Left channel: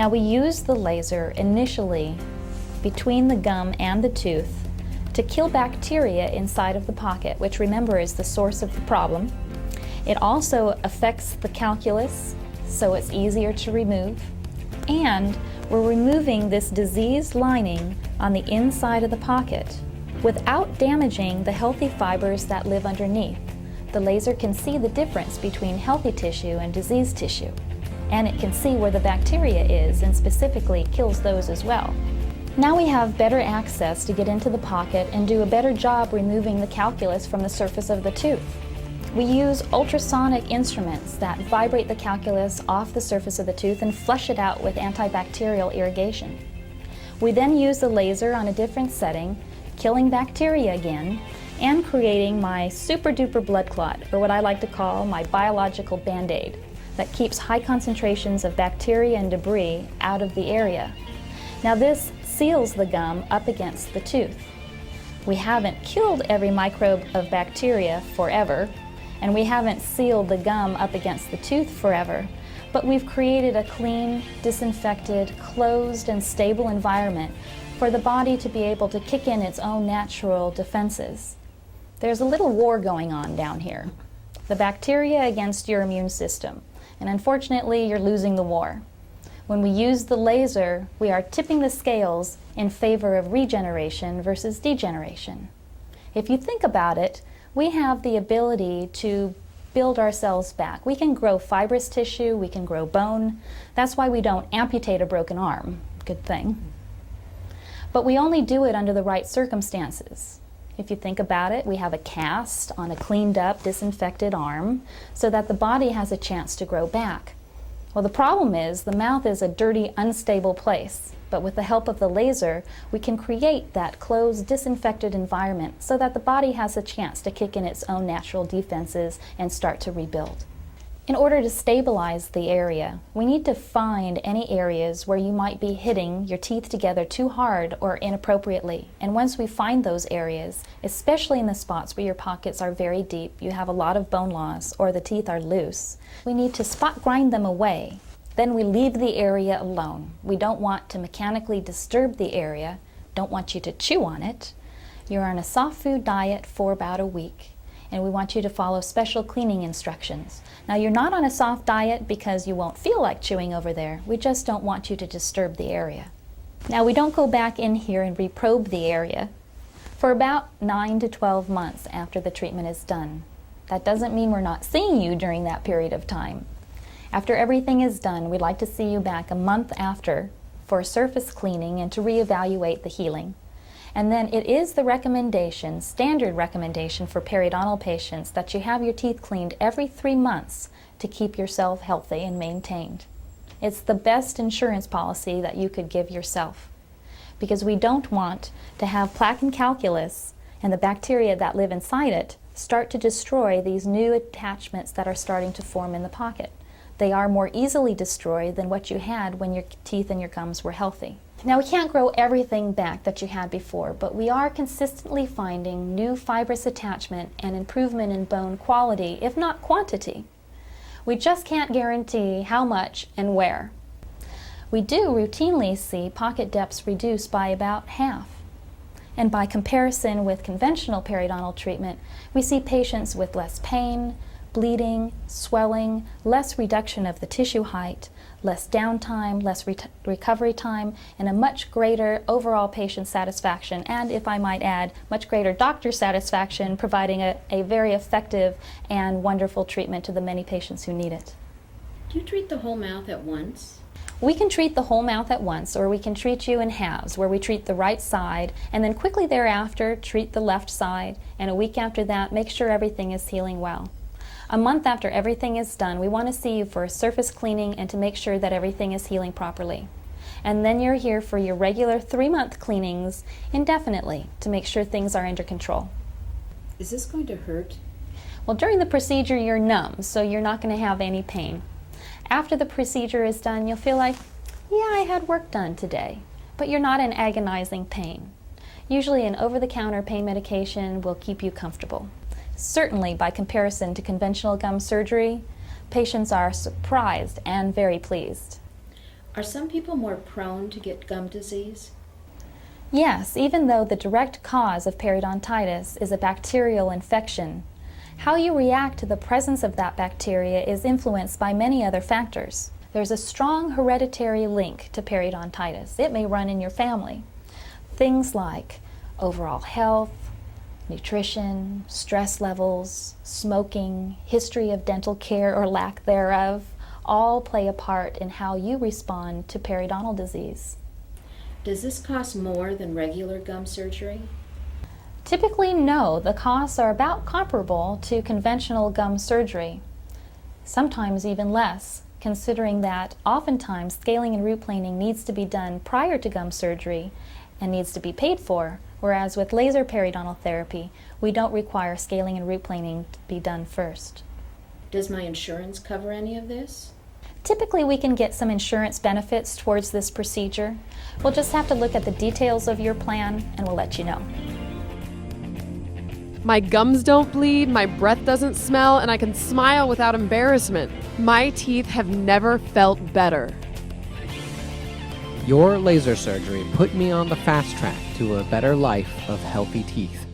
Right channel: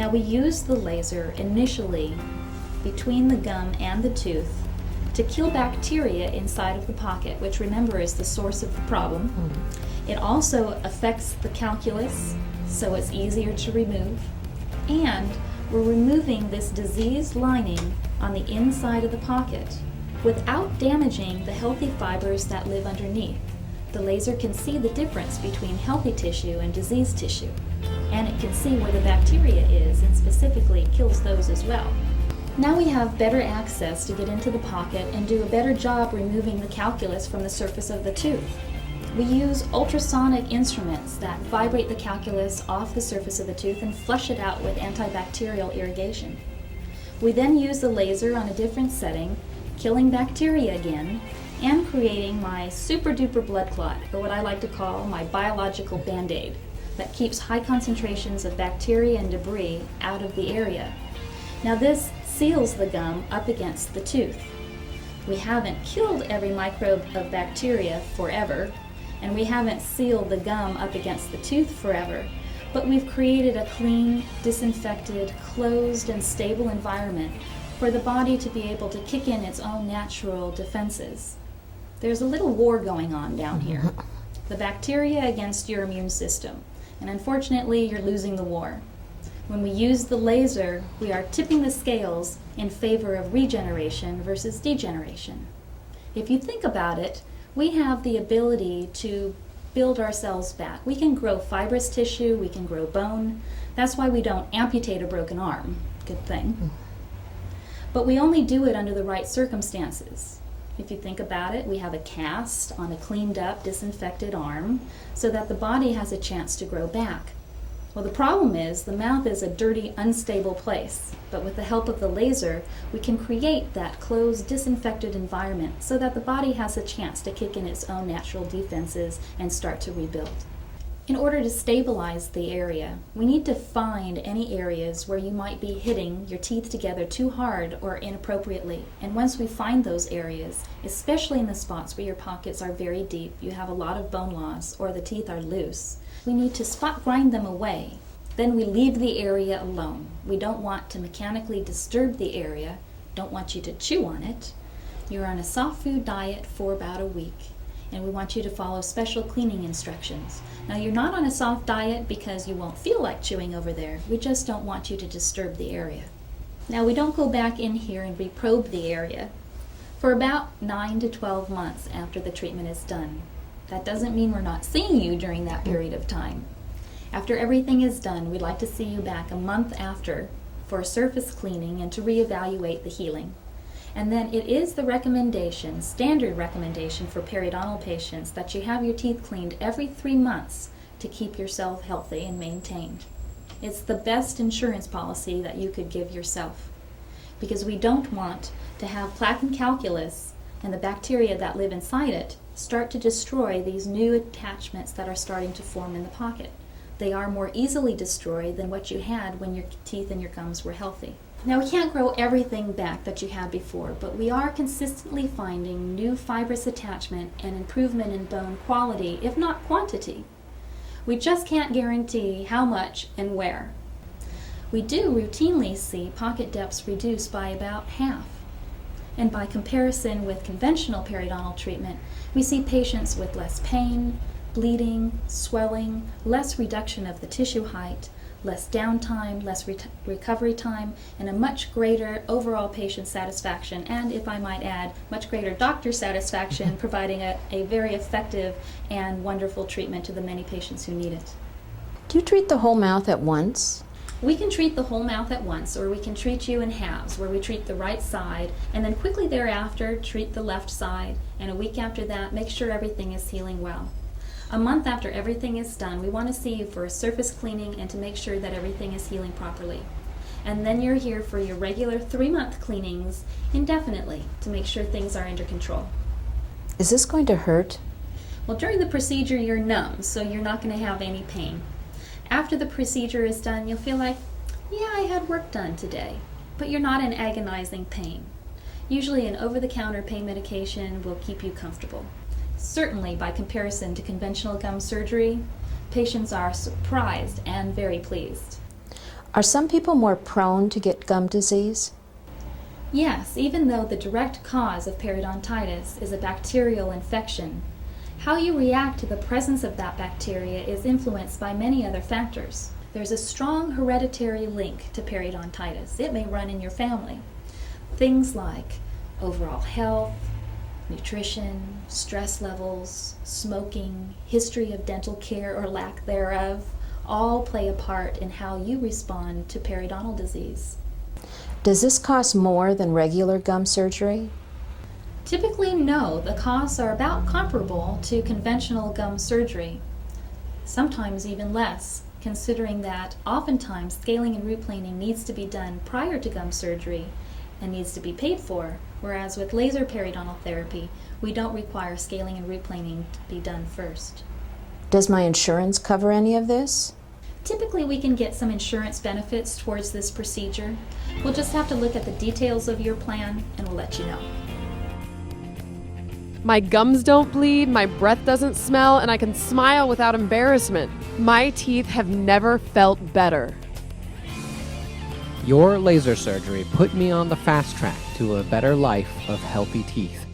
Now we use the laser initially between the gum and the tooth to kill bacteria inside of the pocket, which remember is the source of the problem. It also affects the calculus, so it's easier to remove. And we're removing this diseased lining on the inside of the pocket without damaging the healthy fibers that live underneath. The laser can see the difference between healthy tissue and diseased tissue, and it can see where the bacteria is and specifically kills those as well. Now we have better access to get into the pocket and do a better job removing the calculus from the surface of the tooth. We use ultrasonic instruments that vibrate the calculus off the surface of the tooth and flush it out with antibacterial irrigation. We then use the laser on a different setting, killing bacteria again, and creating my super duper blood clot, or what I like to call my biological band-aid, that keeps high concentrations of bacteria and debris out of the area. Now this seals the gum up against the tooth. We haven't killed every microbe of bacteria forever, and we haven't sealed the gum up against the tooth forever, but we've created a clean, disinfected, closed, and stable environment for the body to be able to kick in its own natural defenses. There's a little war going on down here. The bacteria against your immune system, and unfortunately you're losing the war. When we use the laser, we are tipping the scales in favor of regeneration versus degeneration. If you think about it, we have the ability to build ourselves back. We can grow fibrous tissue, we can grow bone. That's why we don't amputate a broken arm. Good thing. But we only do it under the right circumstances. If you think about it, we have a cast on a cleaned up, disinfected arm so that the body has a chance to grow back. Well, the problem is the mouth is a dirty, unstable place, but with the help of the laser, we can create that closed, disinfected environment so that the body has a chance to kick in its own natural defenses and start to rebuild. In order to stabilize the area, we need to find any areas where you might be hitting your teeth together too hard or inappropriately. And once we find those areas, especially in the spots where your pockets are very deep, you have a lot of bone loss, or the teeth are loose, we need to spot grind them away. Then we leave the area alone. We don't want to mechanically disturb the area, don't want you to chew on it. You're on a soft food diet for about a week, and we want you to follow special cleaning instructions. Now, you're not on a soft diet because you won't feel like chewing over there. We just don't want you to disturb the area. Now, we don't go back in here and reprobe the area for about 9 to 12 months after the treatment is done. That doesn't mean we're not seeing you during that period of time. After everything is done, we'd like to see you back a month after for surface cleaning and to reevaluate the healing. And then it is the recommendation, standard recommendation for periodontal patients, that you have your teeth cleaned every 3 months to keep yourself healthy and maintained. It's the best insurance policy that you could give yourself, because we don't want to have plaque and calculus and the bacteria that live inside it start to destroy these new attachments that are starting to form in the pocket. They are more easily destroyed than what you had when your teeth and your gums were healthy. Now, we can't grow everything back that you had before, but we are consistently finding new fibrous attachment and improvement in bone quality, if not quantity. We just can't guarantee how much and where. We do routinely see pocket depths reduced by about half. And by comparison with conventional periodontal treatment, we see patients with less pain, bleeding, swelling, less reduction of the tissue height, less downtime, less recovery time, and a much greater overall patient satisfaction, and, if I might add, much greater doctor satisfaction, providing a very effective and wonderful treatment to the many patients who need it. Do you treat the whole mouth at once? We can treat the whole mouth at once, or we can treat you in halves, where we treat the right side, and then quickly thereafter treat the left side, and a week after that make sure everything is healing well. A month after everything is done, we want to see you for a surface cleaning and to make sure that everything is healing properly. And then you're here for your regular 3-month cleanings indefinitely to make sure things are under control. Is this going to hurt? Well, during the procedure you're numb, so you're not going to have any pain. After the procedure is done, you'll feel like, yeah, I had work done today, but you're not in agonizing pain. Usually an over-the-counter pain medication will keep you comfortable. Certainly, by comparison to conventional gum surgery, patients are surprised and very pleased. Are some people more prone to get gum disease? Yes, even though the direct cause of periodontitis is a bacterial infection, how you react to the presence of that bacteria is influenced by many other factors. There's a strong hereditary link to periodontitis. It may run in your family. Things like overall health, nutrition, stress levels, smoking, history of dental care or lack thereof, all play a part in how you respond to periodontal disease. Does this cost more than regular gum surgery? Typically, no. The costs are about comparable to conventional gum surgery, sometimes even less, considering that oftentimes scaling and root planing needs to be done prior to gum surgery and needs to be paid for, whereas with laser periodontal therapy, we don't require scaling and root planing to be done first. Does my insurance cover any of this? Typically, we can get some insurance benefits towards this procedure. We'll just have to look at the details of your plan and we'll let you know. My gums don't bleed, my breath doesn't smell, and I can smile without embarrassment. My teeth have never felt better. Your laser surgery put me on the fast track to a better life of healthy teeth.